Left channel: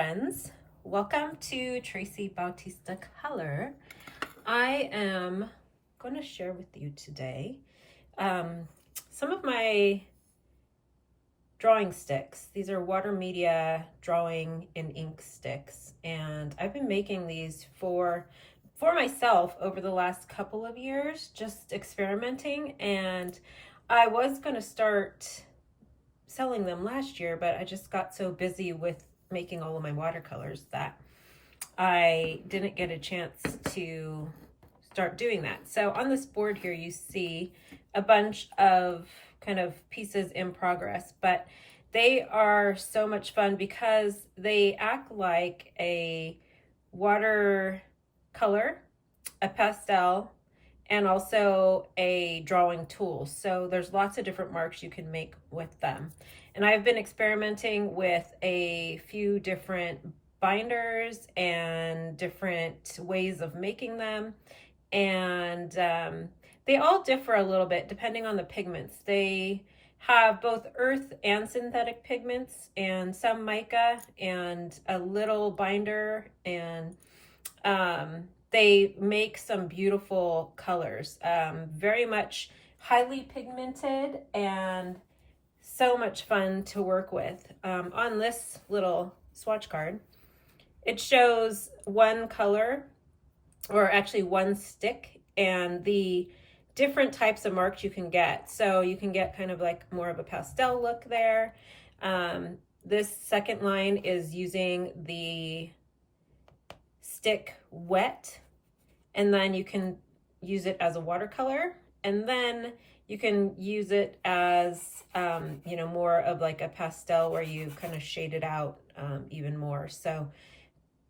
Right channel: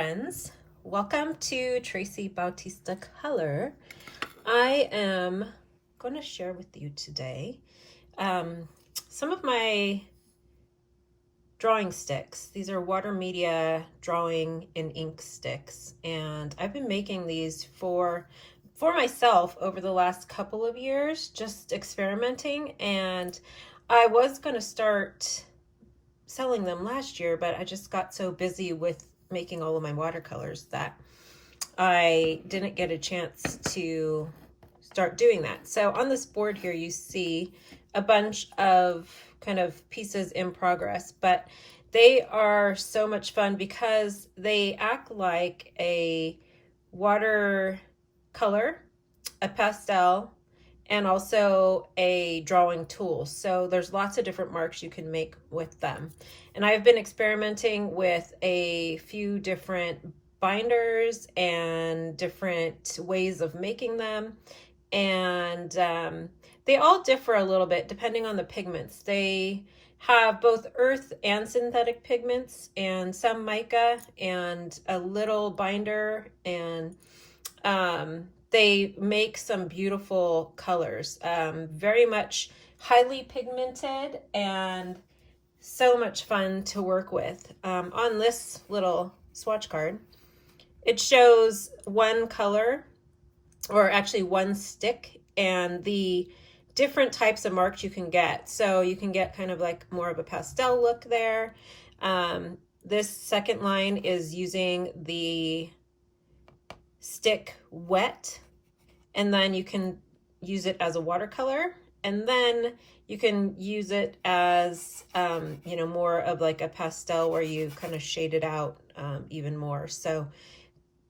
friends, welcome to Traci Bautista Color. I am going to share with you today some of my drawing sticks. These are Watermedia drawing in ink sticks, and I've been making these for myself over the last couple of years, just experimenting, and I was going to start selling them last year, but I just got so busy with making all of my watercolors that I didn't get a chance to start doing that. So on this board here, you see a bunch of kind of pieces in progress, but they are so much fun because they act like a watercolor, a pastel, and also a drawing tool. So there's lots of different marks you can make with them. And I've been experimenting with a few different binders and different ways of making them. And they all differ a little bit depending on the pigments. They have both earth and synthetic pigments and some mica and a little binder, and they make some beautiful colors, very much highly pigmented and so much fun to work with. On this little swatch card, it shows one color, or actually one stick, and the different types of marks you can get. So you can get kind of like more of a pastel look there. This second line is using the stick wet, and then you can use it as a watercolor, and then you can use it as more of like a pastel where you kind of shade it out even more. So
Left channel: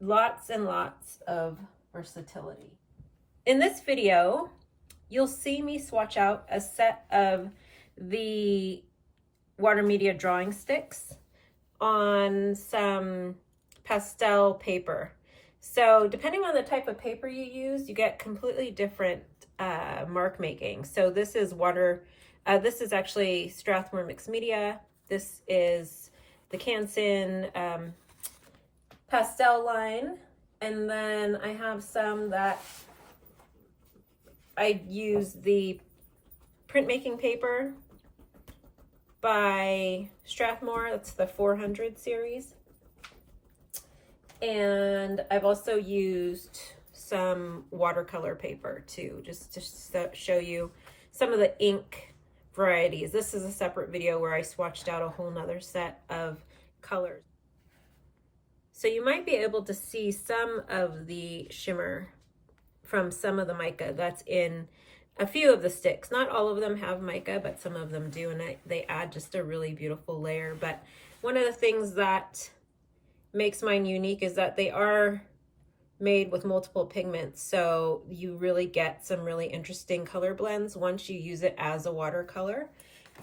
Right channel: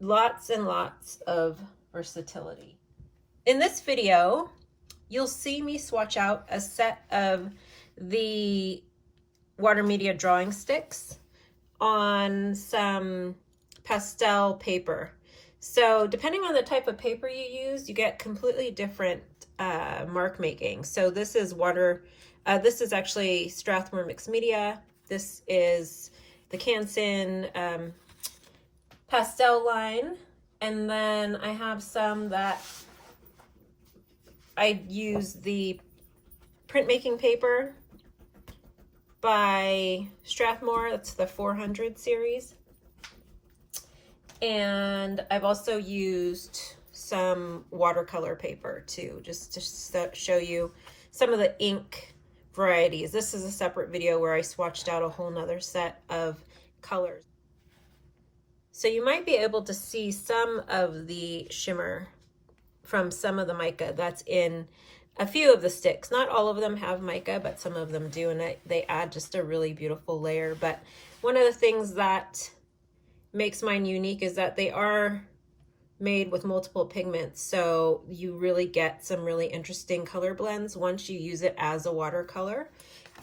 lots and lots of versatility. In this video, you'll see me swatch out a set of the Watermedia drawing sticks on some pastel paper. So depending on the type of paper you use, you get completely different mark making. So this is this is actually Strathmore Mixed Media. This is the Canson pastel line. And then I have some that I use the printmaking paper by Strathmore. That's the 400 series. And I've also used some watercolor paper too, just to show you some of the ink varieties. This is a separate video where I swatched out a whole nother set of colors. So you might be able to see some of the shimmer from some of the mica that's in a few of the sticks. Not all of them have mica, but some of them do, and they add just a really beautiful layer. But one of the things that makes mine unique is that they are made with multiple pigments, so you really get some really interesting color blends once you use it as a watercolor,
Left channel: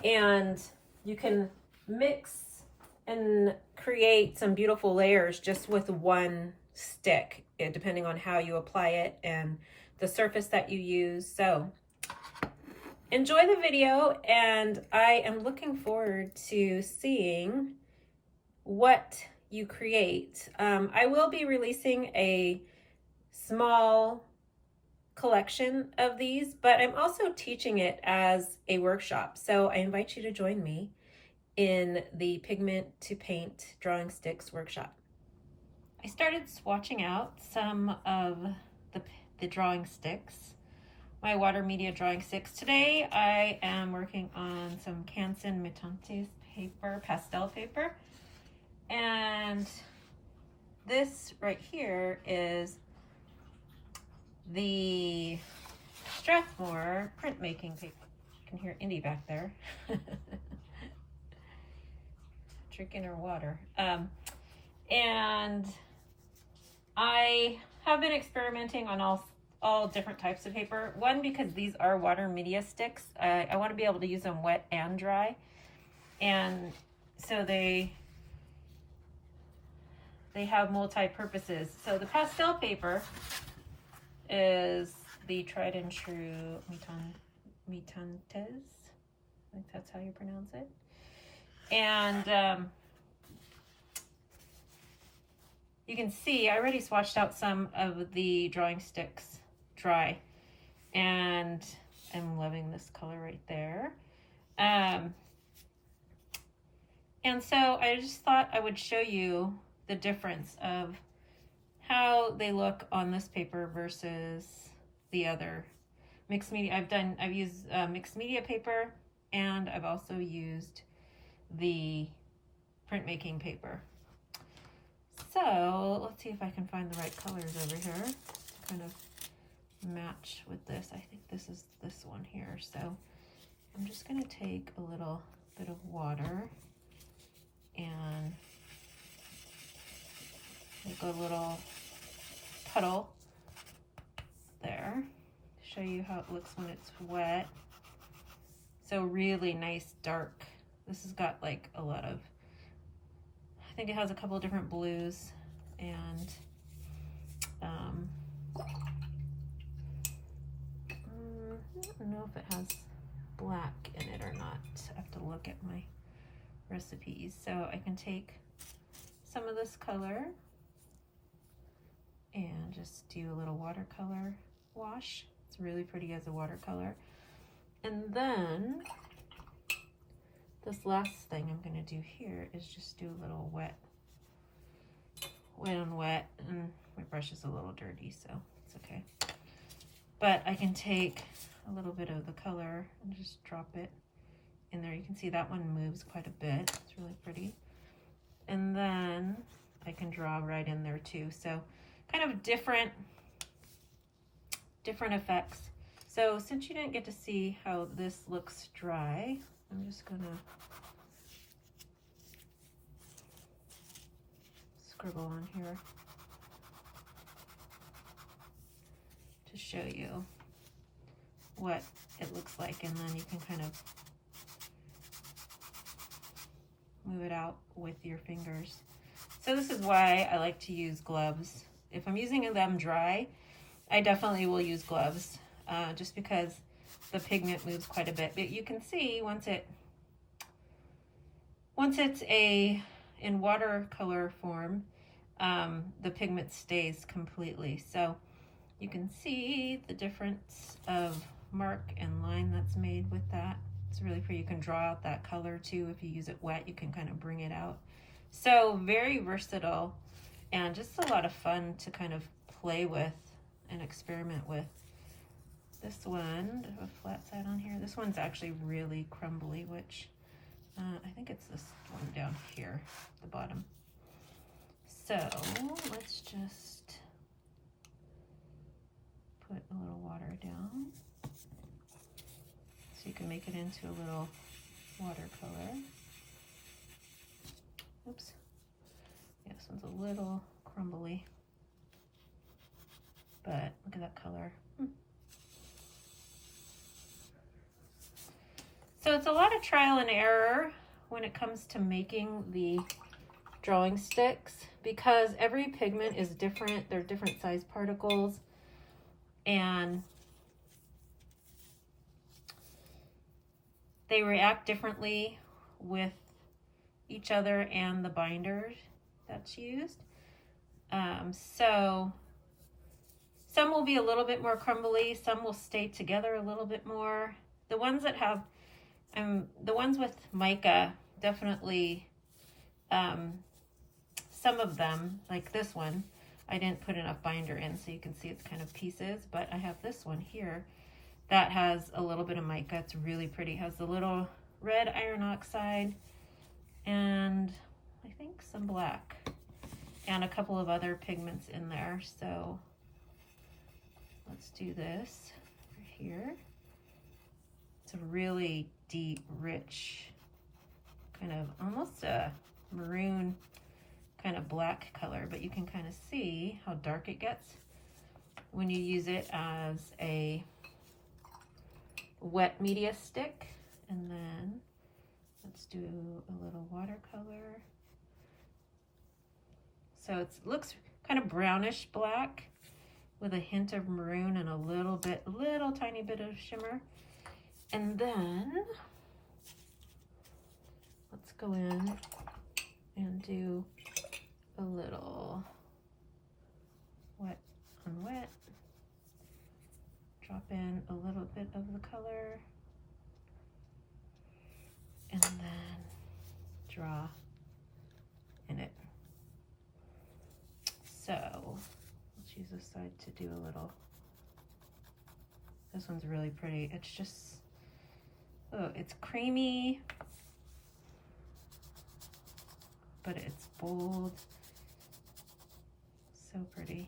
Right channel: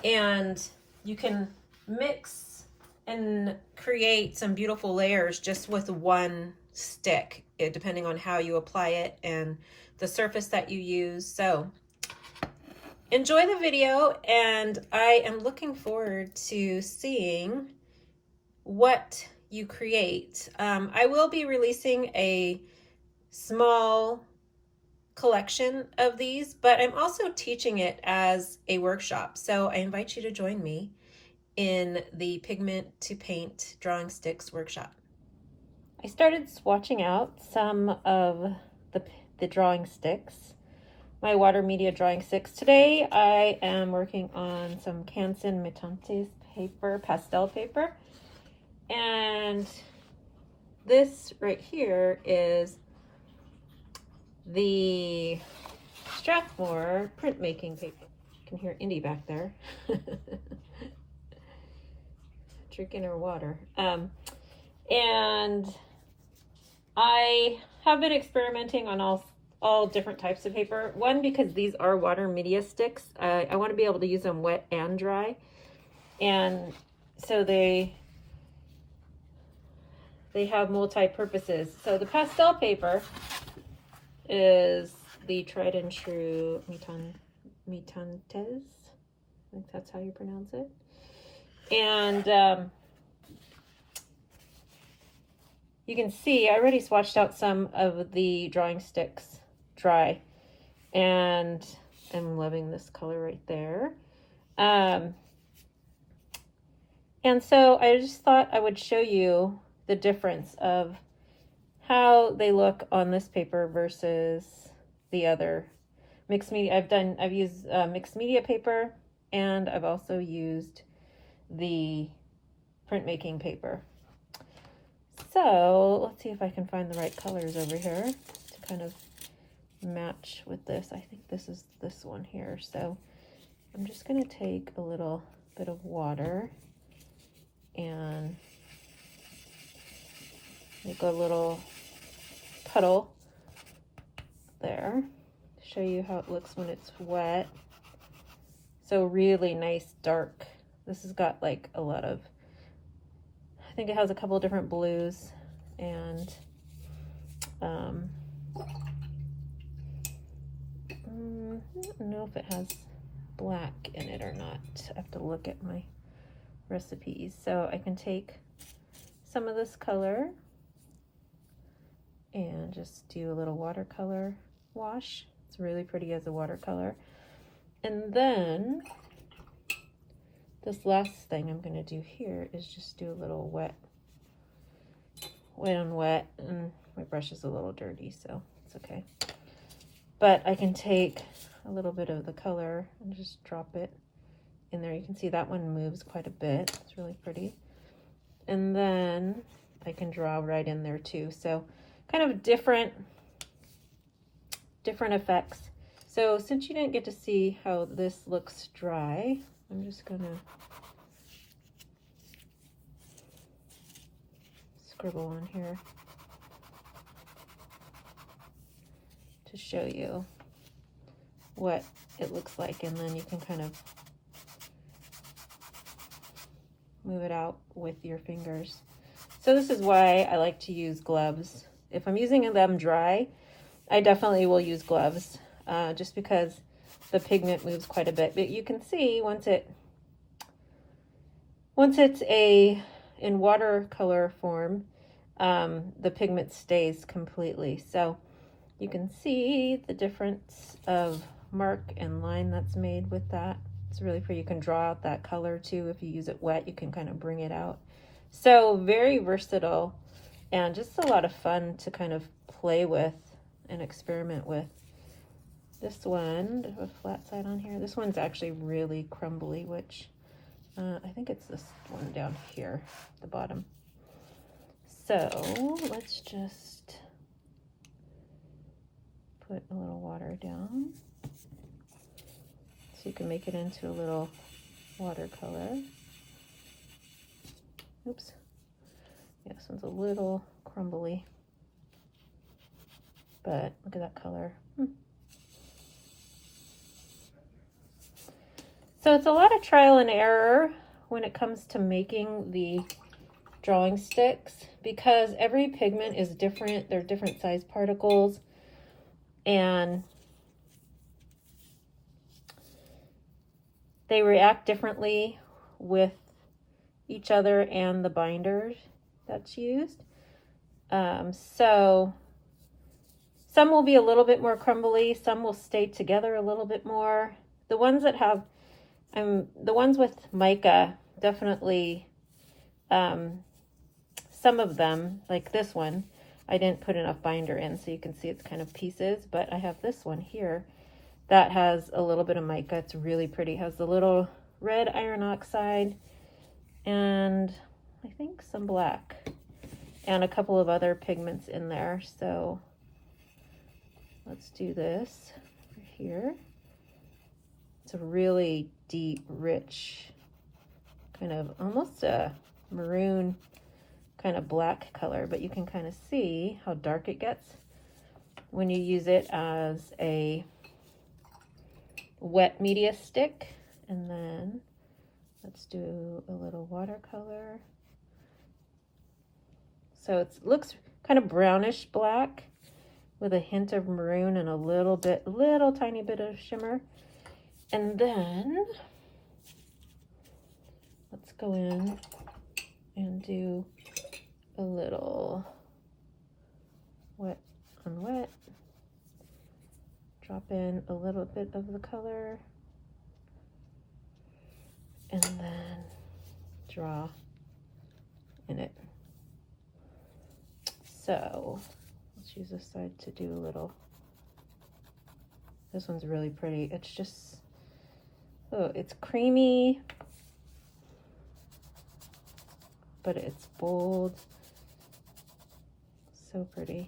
and you can mix and create some beautiful layers just with one stick, depending on how you apply it and the surface that you use. So enjoy the video, and I am looking forward to seeing what you create. I will be releasing a small collection of these, but I'm also teaching it as a workshop. So I invite you to join me in the Pigment to Paint Drawing Sticks workshop. I started swatching out some of the drawing sticks, my Watermedia drawing sticks. Today I am working on some Canson Mitantes paper, pastel paper. And this right here is the Strathmore printmaking paper. You can hear Indy back there drinking her water. And I have been experimenting on all different types of paper. One, because these are Watermedia sticks. I want to be able to use them wet and dry. And so they have multi-purposes. So the pastel paper is the tried and true Mitantes. I think that's how you pronounce it. And you can see I already swatched out some of the drawing sticks dry, and I'm loving this color right there. And so I just thought I would show you the difference of how they look on this paper versus the other mixed media. I've used mixed media paper, and I've also used the printmaking paper. So let's see if I can find the right colors over here to kind of match with this. I think this is this one here. So I'm just going to take a little bit of water and make a little puddle there. Show you how it looks when it's wet. So really nice dark. This has got like a lot of, I think it has a couple of different blues, and I don't know if it has black in it or not. I have to look at my recipes. So I can take some of this color and just do a little watercolor wash. It's really pretty as a watercolor. And then this last thing I'm going to do here is just do a little wet on wet, and my brush is a little dirty, so it's okay. But I can take a little bit of the color and just drop it in there. You can see that one moves quite a bit. It's really pretty. And then I can draw right in there too. So kind of different effects. So since you didn't get to see how this looks dry, I'm just gonna scribble on here to show you what it looks like, and then you can kind of move it out with your fingers. So this is why I like to use gloves. If I'm using them dry, I definitely will use gloves, just because the pigment moves quite a bit. But you can see once it's in watercolor form, the pigment stays completely. So you can see the difference of mark and line that's made with that. It's really pretty. You can draw out that color too. If you use it wet, you can kind of bring it out. So very versatile, and just a lot of fun to kind of play with and experiment with. This one, there's a flat side on here. This one's actually really crumbly, which I think it's this one down here at the bottom. So let's just put a little water down so you can make it into a little watercolor. Oops. Yeah, this one's a little crumbly, but look at that color. So it's a lot of trial and error when it comes to making the drawing sticks, because every pigment is different. They're different size particles, and they react differently with each other and the binder that's used. So some will be a little bit more crumbly, some will stay together a little bit more. The ones that have, the ones with mica, definitely, some of them, like this one, I didn't put enough binder in, so you can see it's kind of pieces, but I have this one here that has a little bit of mica. It's really pretty. It has a little red iron oxide and I think some black and a couple of other pigments in there. So let's do this here. It's a really deep, rich, kind of almost a maroon kind of black color, but you can kind of see how dark it gets when you use it as a wet media stick. And then let's do a little watercolor. So it looks kind of brownish black with a hint of maroon and a little tiny bit of shimmer. And then let's go in and do a little drop in a little bit of the color and then draw in it. So let's use this side to do a little. This one's really pretty. It's just, oh, it's creamy, but it's bold. So pretty.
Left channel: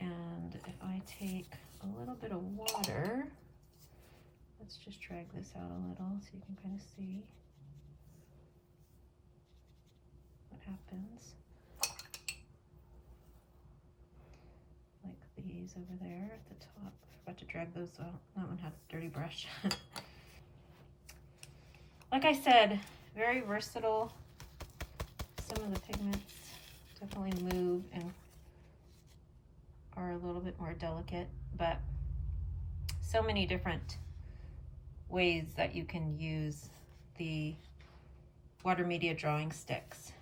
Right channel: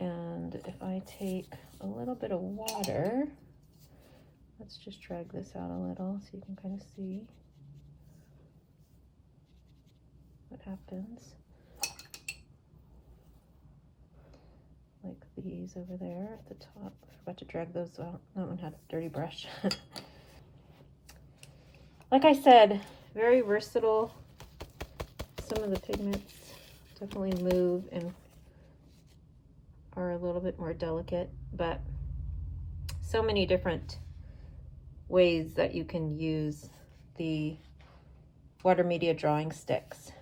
And if I take a little bit of water, let's just drag this out a little so you can kind of see what happens. Like these over there at the top. I forgot to drag those out. That one had a dirty brush. Like I said, very versatile. Some of the pigments definitely move and are a little bit more delicate, but so many different ways that you can use the Watermedia drawing sticks.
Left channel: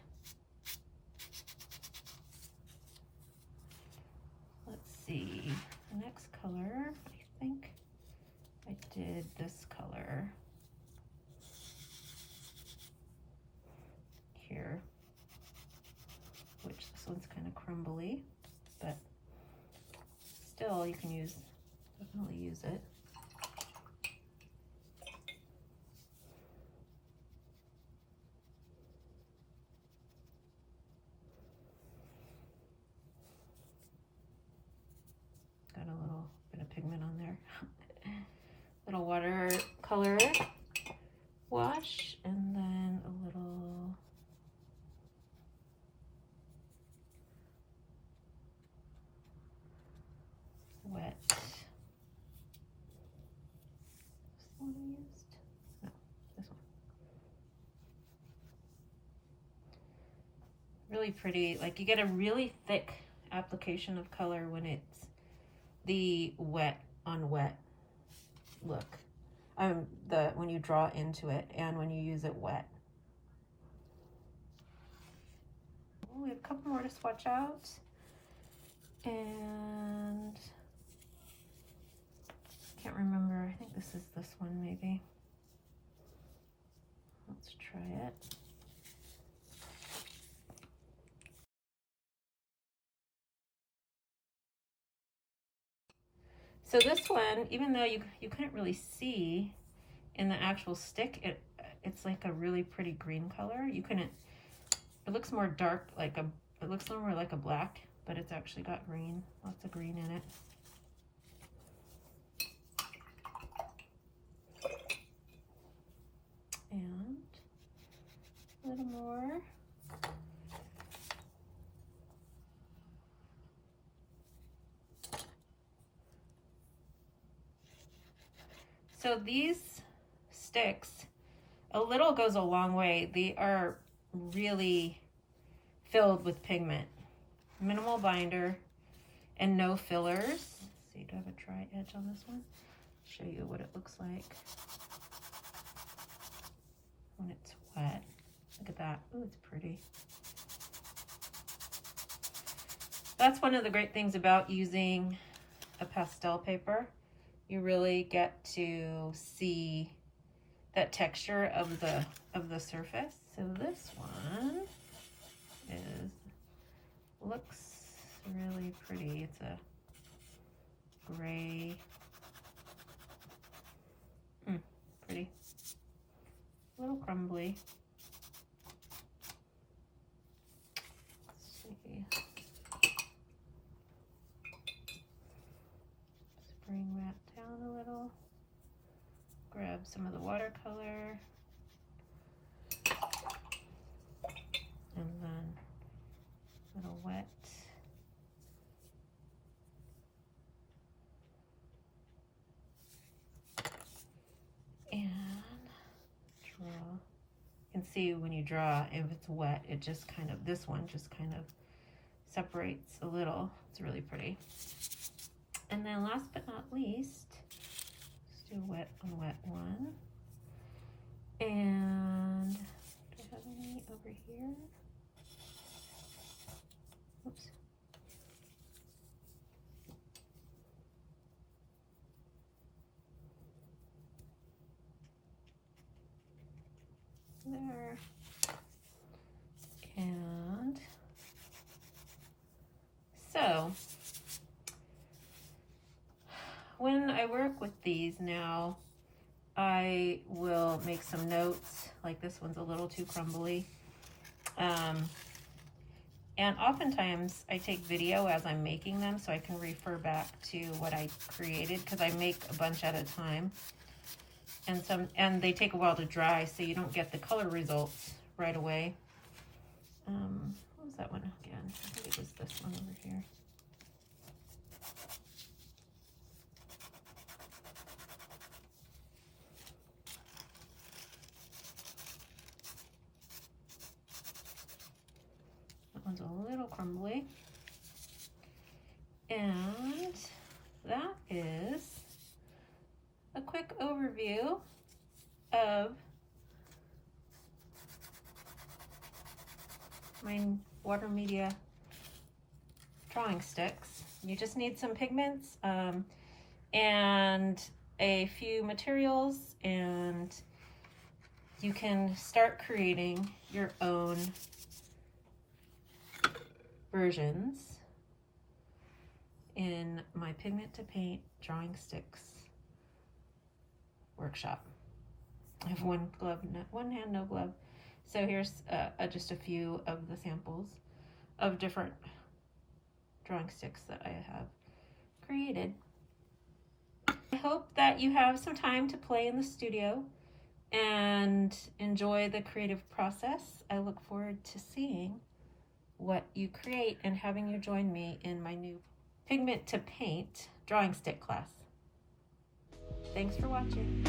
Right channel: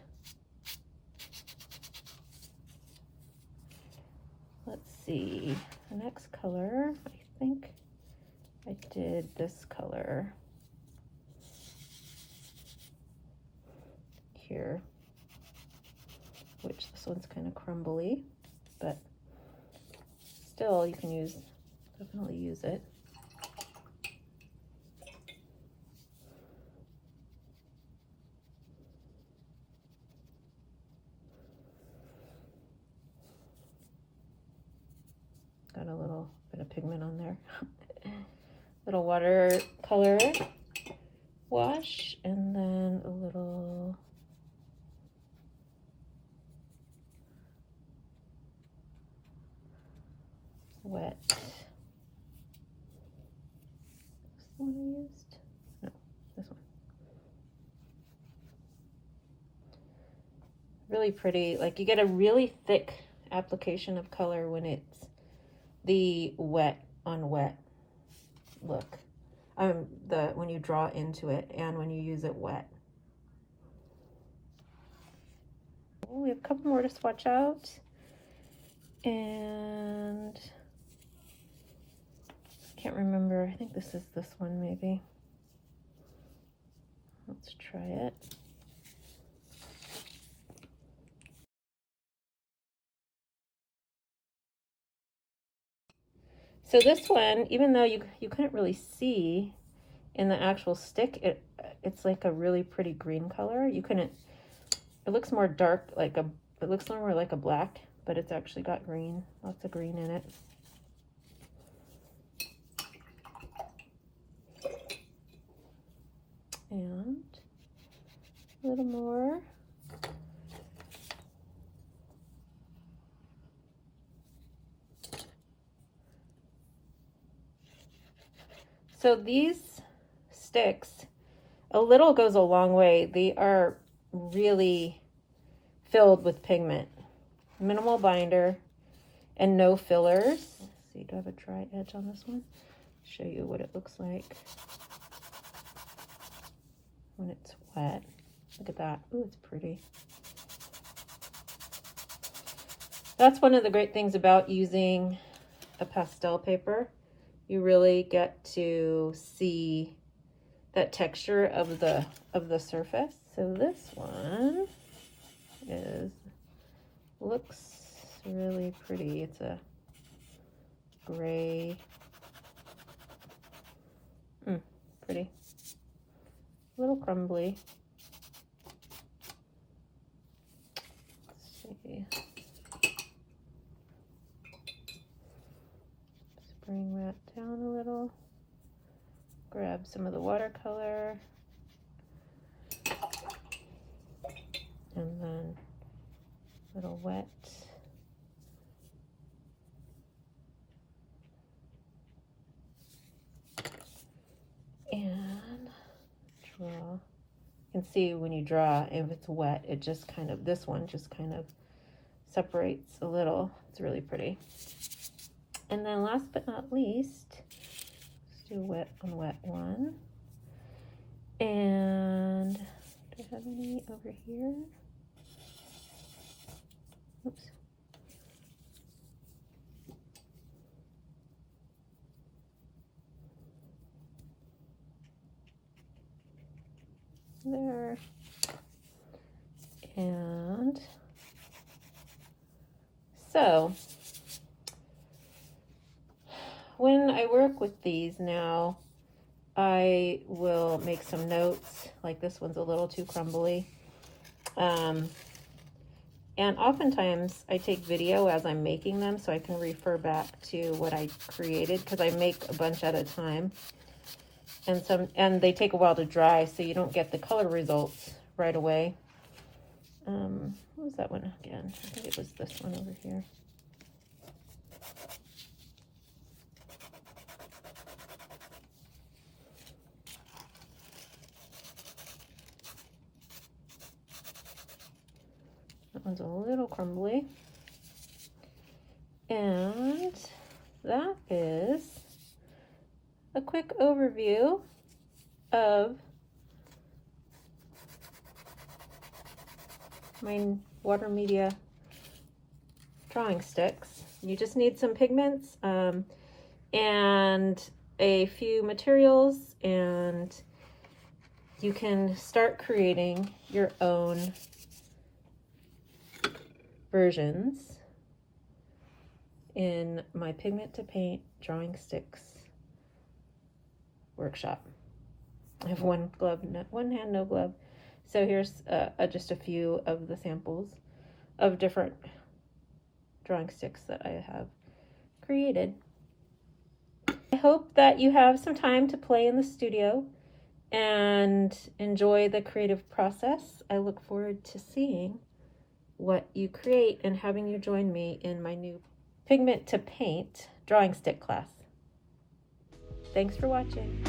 Let's see, the next color, I think I did this color here, which this one's kind of crumbly, but still you can definitely use it. Got a little bit of pigment on there. Little watercolor wash, and then a little wet. This one I used? No, this one. Really pretty. Like, you get a really thick application of color when it's the wet on wet look. When you draw into it and when you use it wet. We have a couple more to swatch out, and can't remember. I think this is this one maybe. Let's try it. So this one, even though you couldn't really see in the actual stick, it's like a really pretty green color. You couldn't, it looks more dark, it looks more like a black, but it's actually got green, lots of green in it. And a little more. So these sticks, a little goes a long way. They are really filled with pigment. Minimal binder and no fillers. Let's see, do I have a dry edge on this one? Show you what it looks like when it's wet. Look at that. Ooh, it's pretty. That's one of the great things about using a pastel paper. You really get to see that texture of the surface. So this one looks really pretty. It's a gray, pretty, a little crumbly. Let's see. Bring that down a little. Grab some of the watercolor. And then a little wet. And draw. You can see when you draw, if it's wet, it just kind of, this one just kind of separates a little. It's really pretty. And then last but not least, let's do a wet on wet one. And do I have any over here? Oops. there. And so when I work with these now, I will make some notes, like this one's a little too crumbly. And oftentimes I take video as I'm making them so I can refer back to what I created, because I make a bunch at a time. And they take a while to dry, so you don't get the color results right away. What was that one again? I think it was this one over here. That one's a little crumbly. And that is a quick overview of my Watermedia drawing sticks. You just need some pigments and a few materials, and you can start creating your own versions in my Pigment to Paint drawing sticks workshop. I have one hand, no glove. So here's just a few of the samples of different drawing sticks that I have created. I hope that you have some time to play in the studio and enjoy the creative process. I look forward to seeing what you create and having you join me in my new Pigment to Paint drawing stick class. Thanks for watching.